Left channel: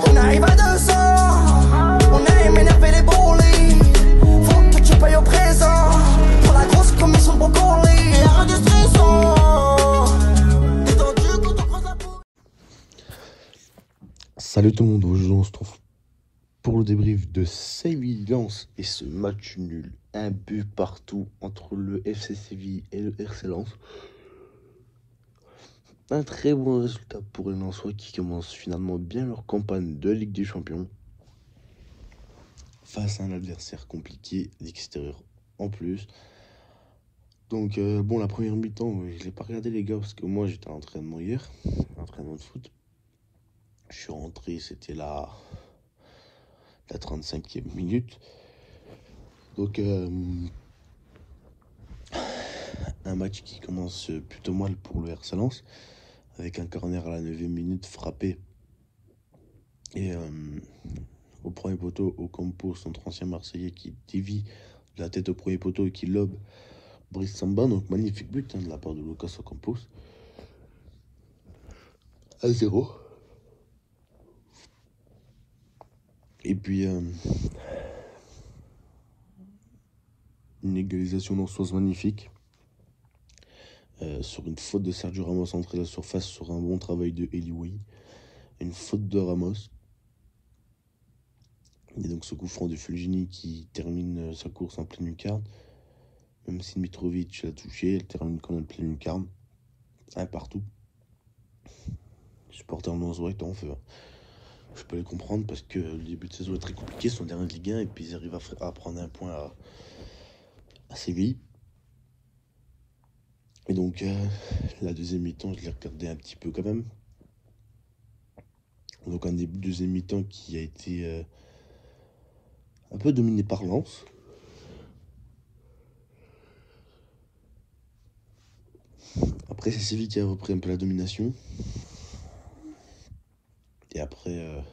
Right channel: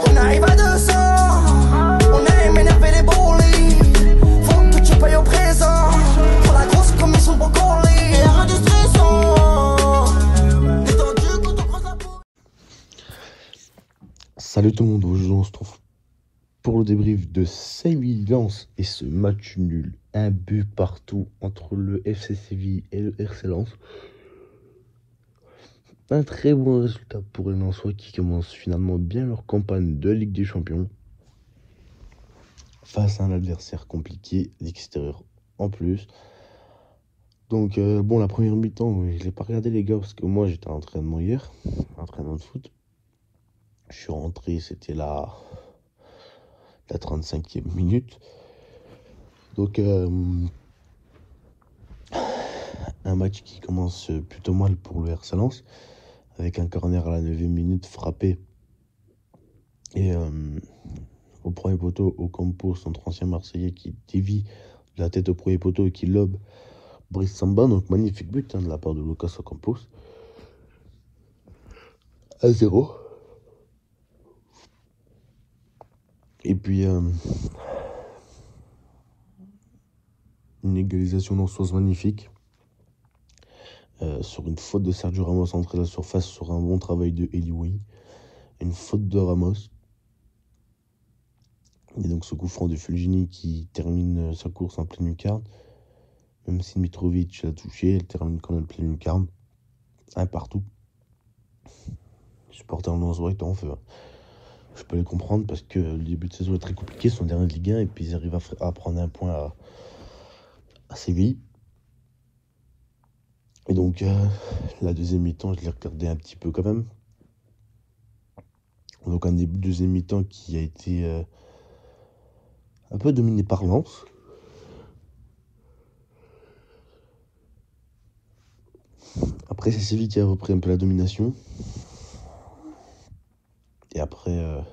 On arrive à 200, on aime énerver les bolides. Faut que tu payes au présent pour la grosse commission de brocoli. Et rien de stressant, détendu quand on croise la peau. Salut tout le monde, aujourd'hui on se trouve pour le débrief de Séville-Lens et ce match nul. Un but partout entre le FC Séville et le RC Lens. Un très bon résultat pour les Lensois qui commencent finalement bien leur campagne de Ligue des Champions. Face à un adversaire compliqué, l'extérieur en plus. Donc bon, la première mi-temps, je ne l'ai pas regardé les gars parce que moi j'étais à l'entraînement hier, entraînement de foot. Je suis rentré, c'était la 35e minute. Donc un match qui commence plutôt mal pour le RC Lens, avec un corner à la 9e minute frappé. Et au premier poteau, Ocampo, notre ancien Marseillais, qui dévie de la tête au premier poteau et qui lobe Brice Samba. Donc magnifique but de la part de Lucas Ocampos. 1-0. Et puis une égalisation lensoise magnifique. Sur une faute de Sergio Ramos entré la surface sur un bon travail de Eliouï. Une faute de Ramos. Et donc ce coup franc de Fulgini qui termine sa course en pleine lucarne. Même si Mitrovic l'a touché, elle termine quand même en pleine lucarne. Un partout. Les supporters lensois étaient en feu. Je peux les comprendre parce que le début de saison est très compliqué. Ils sont derniers de Ligue 1 et puis ils arrivent à prendre un point à Séville. Et donc, la deuxième mi-temps, je l'ai regardé un petit peu quand même. Donc, un début de deuxième mi-temps qui a été un peu dominé par Lens. Après, c'est Séville qui a repris un peu la domination. Et après,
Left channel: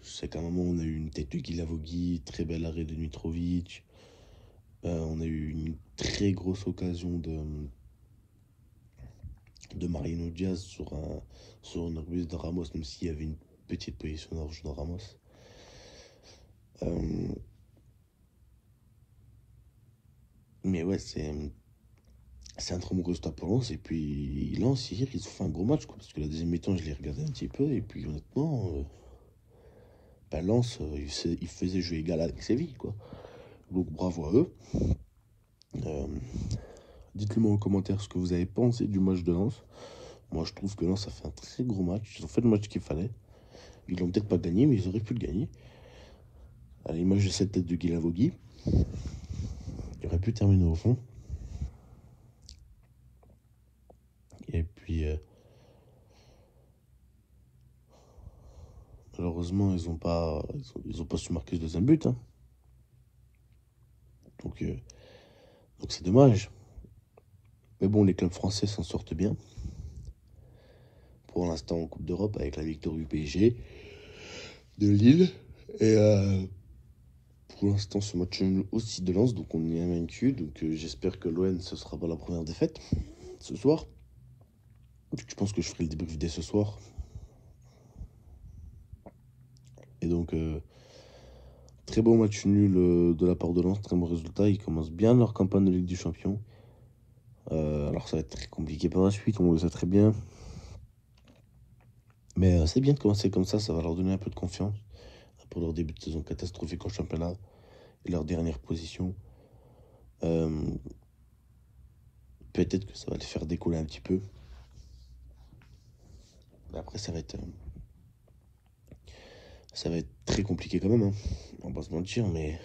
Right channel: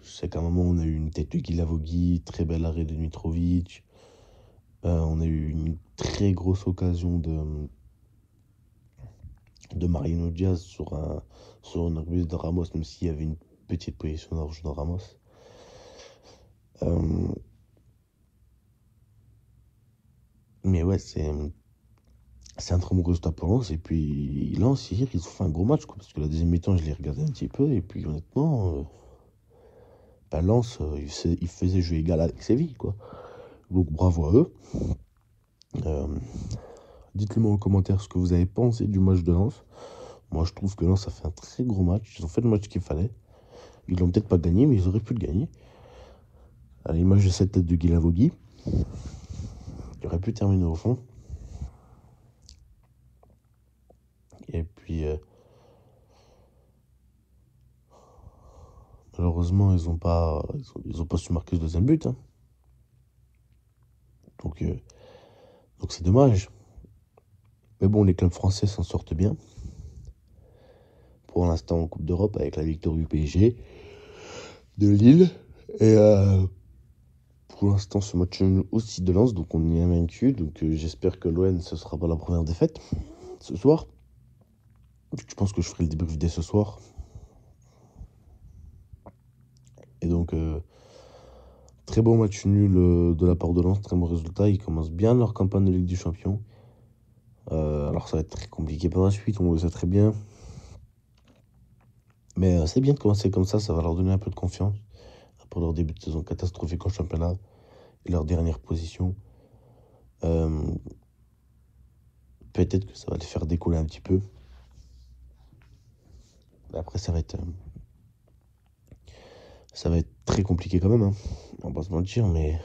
je sais qu'à un moment, on a eu une tête de Guilavogui, très bel arrêt de Mitrovic. On a eu une très grosse occasion de Mariano Diaz sur une reprise de Ramos, même s'il y avait une petite position d'orge de Ramos. Mais ouais, c'est un très bon résultat pour Lens. Et puis Lens, hier, ils ont fait un gros match, quoi, parce que la deuxième mi-temps, je l'ai regardé un petit peu. Et puis honnêtement, Lens, il faisait jeu égal avec Séville, quoi. Donc bravo à eux. Dites-le moi en commentaire ce que vous avez pensé du match de Lens. Moi, je trouve que Lens a fait un très gros match. Ils ont fait le match qu'il fallait. Ils l'ont peut-être pas gagné, mais ils auraient pu le gagner. À l'image de cette tête de Guilavogui, il aurait pu terminer au fond. Et puis, malheureusement, ils ont pas su marquer le deuxième but. Hein. Donc c'est dommage. Mais bon, les clubs français s'en sortent bien. Pour l'instant, en Coupe d'Europe, avec la victoire du PSG, de Lille. Et pour l'instant, ce match aussi de Lens, donc on est invaincu. Donc j'espère que l'ON, ce sera pas la première défaite ce soir. Je pense que je ferai le débrief dès ce soir. Et donc, très bon match nul de la part de Lens, très bon résultat. Ils commencent bien leur campagne de Ligue des Champions. Alors ça va être très compliqué par la suite, on le sait très bien. Mais c'est bien de commencer comme ça va leur donner un peu de confiance. Après leur début de saison catastrophique en championnat et leur dernière position. Peut-être que ça va les faire décoller un petit peu. Après, ça va être très compliqué quand même. Hein. On va pas se mentir, mais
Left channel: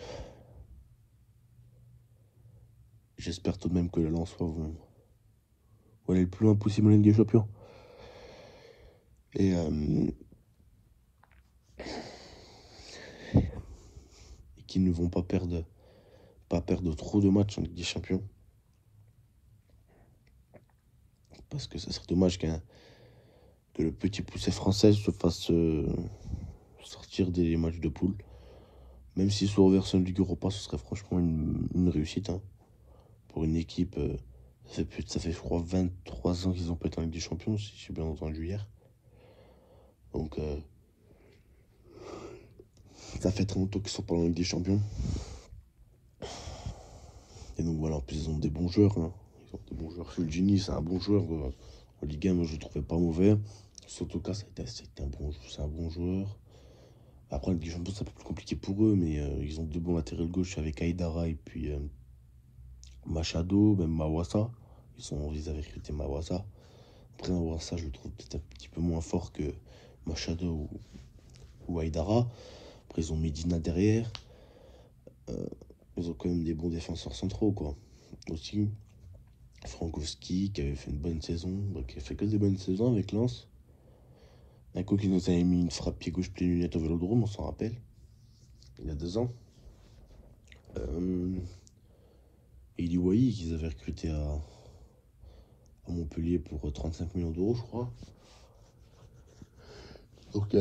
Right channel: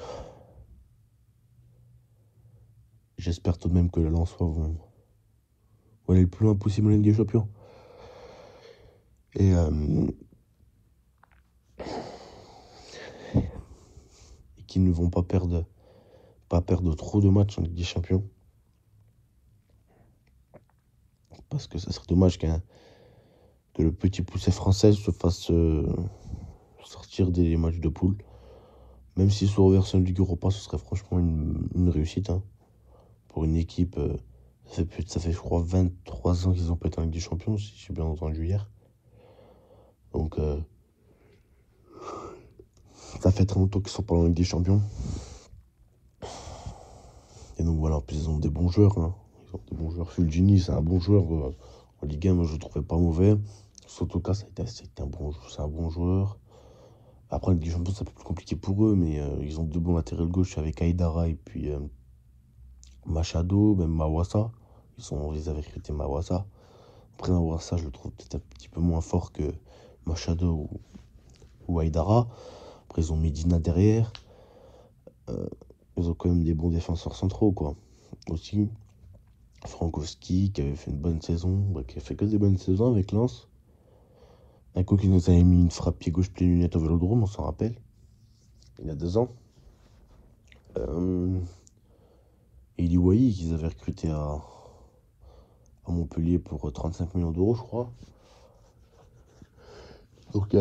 j'espère tout de même que les Lensois vont aller le plus loin possible en Ligue des Champions. Et qu'ils ne vont pas perdre trop de matchs en Ligue des Champions. Parce que ça serait dommage que le petit poussé français se fasse sortir des matchs de poule. Même si sous reversion de Ligue Europa, ce serait franchement une réussite. Hein. Pour une équipe, ça fait je crois 23 ans qu'ils n'ont pas été en Ligue des Champions, si j'ai bien entendu hier. Donc Ça fait très longtemps qu'ils sont pas en Ligue des Champions. Et donc voilà, en plus ils ont des bons joueurs. Hein. Ils ont des bons joueurs. Fulgini, c'est un bon joueur. En Ligue 1, moi je le trouvais pas mauvais. Sotoka, c'est un bon joueur. Après, en Ligue des Champions, c'est un peu plus compliqué pour eux, mais ils ont deux bons latérales gauche avec Aïdara et puis Machado, même Mawassa. Ils avaient recruté Mawassa. Après, Mawassa, je le trouve peut-être un petit peu moins fort que Machado ou Aïdara. Après, ils ont Medina derrière. Ils ont quand même des bons défenseurs centraux, quoi. Aussi, Frankowski, qui avait fait une bonne saison, qui a fait que des bonnes saisons avec Lens. Un coup qui nous avait mis une frappe pied gauche pied lunette au Vélodrome, on s'en rappelle. Il y a 2 ans. Et Iliouaï, qu'ils avaient recruté à Montpellier pour 35 millions d'euros, je crois. Donc, il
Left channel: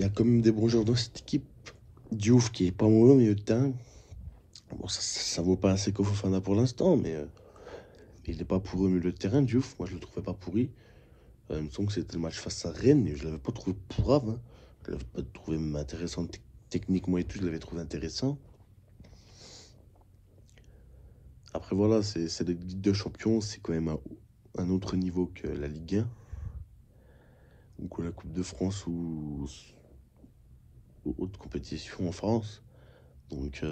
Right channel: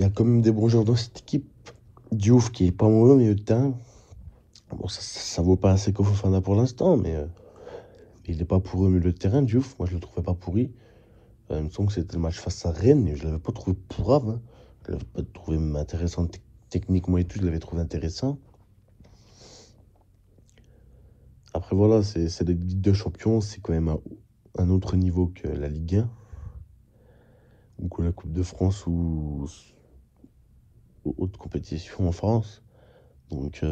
y a quand même des bons joueurs dans cette équipe. Diouf qui est pas mauvais au milieu de terrain. Bon, ça vaut pas assez qu'au Fofana pour l'instant, mais il n'est pas pourri au milieu de terrain, Diouf. Moi, je le trouvais pas pourri. Il me semble que c'était le match face à Rennes, et je l'avais pas trouvé pourrave. Hein. Je l'avais pas trouvé même intéressant techniquement et tout, je l'avais trouvé intéressant. Après, voilà, c'est la Ligue des Champions, c'est quand même un autre niveau que la Ligue 1, ou que la Coupe de France, ou autres compétitions en France. Donc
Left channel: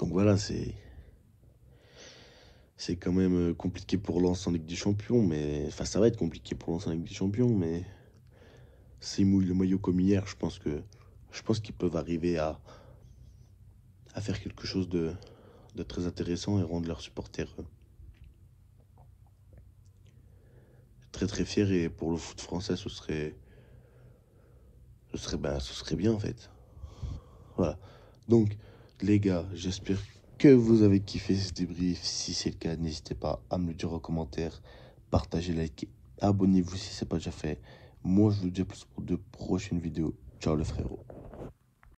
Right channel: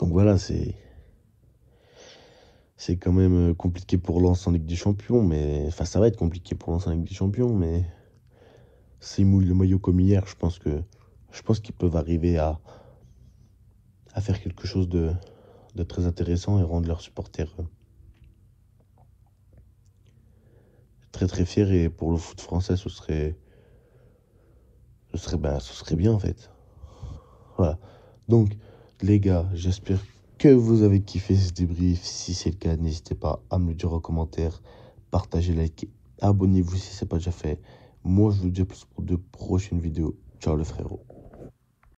voilà, c'est quand même compliqué pour Lens en Ligue des Champions, mais enfin ça va être compliqué pour Lens en Ligue des Champions, mais s'ils mouillent le maillot comme hier, je pense qu'ils peuvent arriver à faire quelque chose de très intéressant et rendre leurs supporters très très fiers. Et pour le foot français, ce serait bien en fait. Voilà. Donc les gars, j'espère que vous avez kiffé ce débrief. Si c'est le cas, n'hésitez pas à me le dire en commentaire, partagez, likez, abonnez-vous si ce n'est pas déjà fait. Moi, je vous dis à plus pour de prochaines vidéos. Ciao les frérots.